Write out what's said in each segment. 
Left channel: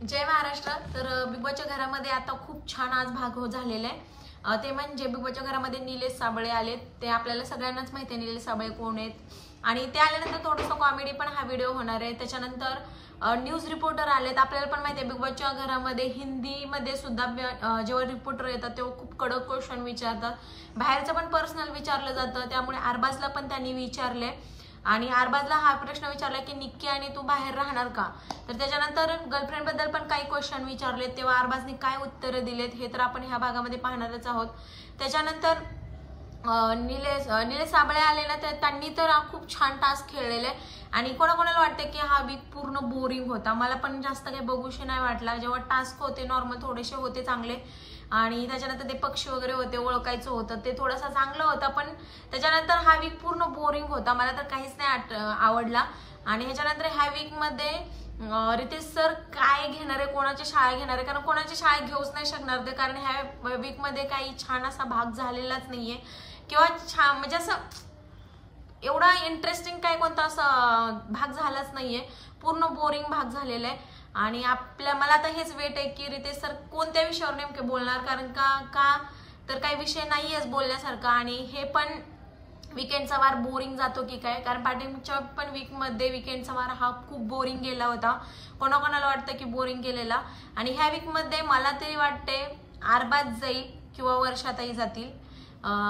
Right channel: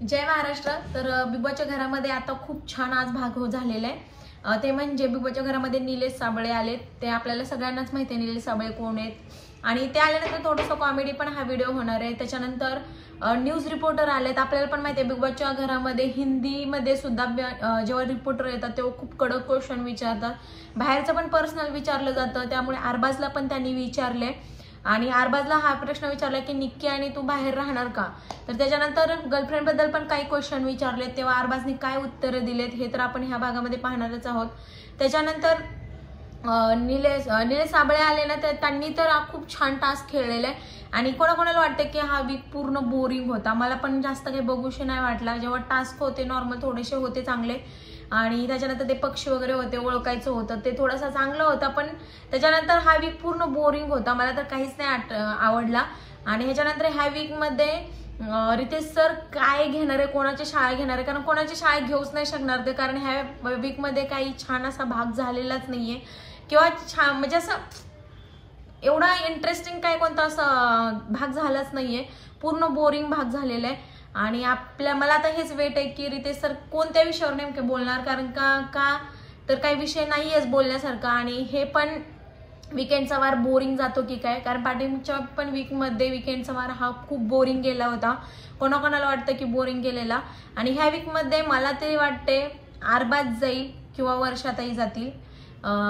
जय महाराष्ट्र। तर बिग बॉसच्या घरामध्ये आता खूप छान आज भाग झालेला आहे। ते म्हणजे बिग बॉसच्या घरामध्ये निलेश साबळे आलेत। ते आपल्याला सगळ्यांनाच माहिती आहे निलेश साबळे कोण आहेत आणि ते आल्यानंतर थोडंसं कॉमेडी पण हा व्हिडिओ होणार आहे। त्याच्यानंतर न्यूज रिपोर्टर आलेत। आपल्याला पण माहिती आहे बिग बॉसच्या घरामध्ये हिंदीमध्ये सुद्धा जेव्हा रिपोर्टर येतात तेव्हा खूप कडक क्वेश्चन विचारतात, बाहेरचं पण पर्सनल विचारलं जातं। त्यामुळे अरबाजला पण त्यांनी विचारले आणि अरबाजला हा प्रश्न विचारला की निक्की आणि तू बाहेर राहणार का। तर त्याच्यानंतर गर्लफ्रेंड बद्दल पण काही क्वेश्चन विचारले, तेव्हा अरबाजने काय उत्तर दिलेत हे तर आपण ह्या भागामध्ये पाहणारच आहोत। त्याच्यानंतर निलेश साबळे आले ना, तर त्यांनी तर खूप छान टास्क खेळलेला आहे आणि कोणाकोणाला वाटतं की हा वीक पूर्ण बोरिंग होता। मला पण जास्त काही बघूशी नाही वाटला। जेव्हा टास्क होते नॉर्मल थोडेसे होते चांगले आणि त्याच्यानंतर ते पक्षी वगैरे होते ओळखायचं होतं ते थोडासा चांगलं होतं, पण त्याच्यानंतर हा वीक पूर्ण बोरिंग होता। मला तर काहीच नाही आवडला। आणि ह्याच्यानंतर ह्या वीक मध्ये रितेश सर काय घेणार आहे, कोणाची शाळा घेणार आहे, कारण कोणाची शाळा घेऊच नाही शकणार ते, कारण ह्या वीक मध्ये काही छान असा भाग झालेलाच नाहीये किंवा छान म्हणजे असं एवढा इंटरेस्टिंग काय कोणता असा भाग झालाच नाहीये, पूर्ण बोरिंग भाग झालेला आहे। आणि मला आता हेच वेट आहे की रितेश सर कोणत्या विषयावर नेमके बोलणार, कारण का तर काही विषय नाहीयेच बोलण्यासारखा आणि हे पण वीकेंडचा वार बोरिंग जातो की काय, कारण पाठीमागच्या पण वीक मध्ये वीकेंडचा वार हा खूप बोरिंग गेला होता। कोणाकोणाला वाटतं की बोरिंग गेलेला आणि ह्या वीक मध्ये मला तरी वाटते अरबाज जाईल किंवा वर्षाताई जातील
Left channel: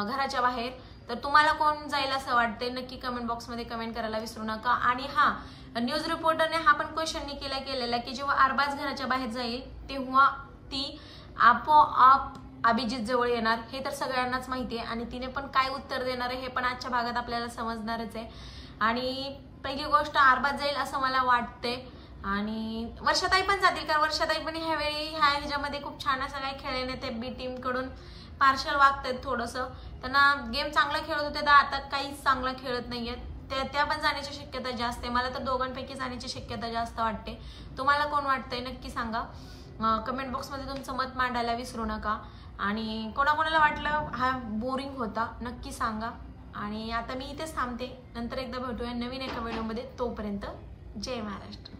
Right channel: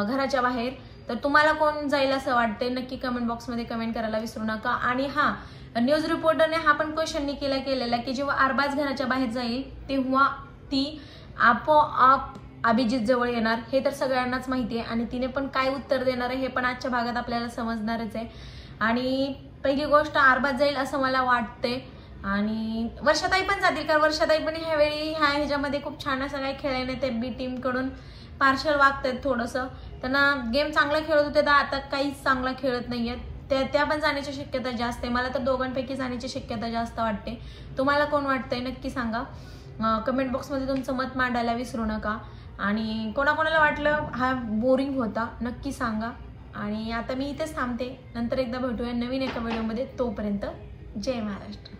घराच्या बाहेर। तर तुम्हाला कोण जाईल असं वाटतंय नक्की कमेंट बॉक्समध्ये कमेंट करायला विसरू नका। आणि हा न्यूज रिपोर्टरने हा पण क्वेश्चन केलेला की जेव्हा अरबाज घराच्या बाहेर जाईल तेव्हा ती आपोआप अभिजित जवळ येणार, हे तर सगळ्यांनाच माहिती आहे आणि तिने पण काय उत्तर देणार आहे हे पण आजच्या भागात आपल्याला समजणारच आहे। आणि पहिली गोष्ट अरबाज जाईल असं मला वाटते आणि वर्षाताई पण जातील, कारण वर्षाताई पण ह्यावेळी ह्याच्यामध्ये खूप छान असं काही खेळायला ते बी टीम कडून पार्शल वागतात। थोडंसं त्यांना गेम चांगला खेळत होते तर आता काहीच चांगला खेळत नाहीयेत, त्या पण जाण्याची शक्यता जास्त आहे। मला तर दोघांपैकी जाण्याची शक्यता जास्त वाटते। तुम्हाला कोण वाटतंय नक्की सांगा, कमेंट बॉक्समध्ये तुमचं मत मांडायला विसरू नका। आणि कोणाकोणाला वाटलं हा बोरिंग होता नक्की सांगा। आणि आता मी इथेच थांबते, नंतर एकदा भेटूया नवीन एका व्हिडिओमध्ये। तोपर्यंत जय महाराष्ट्र।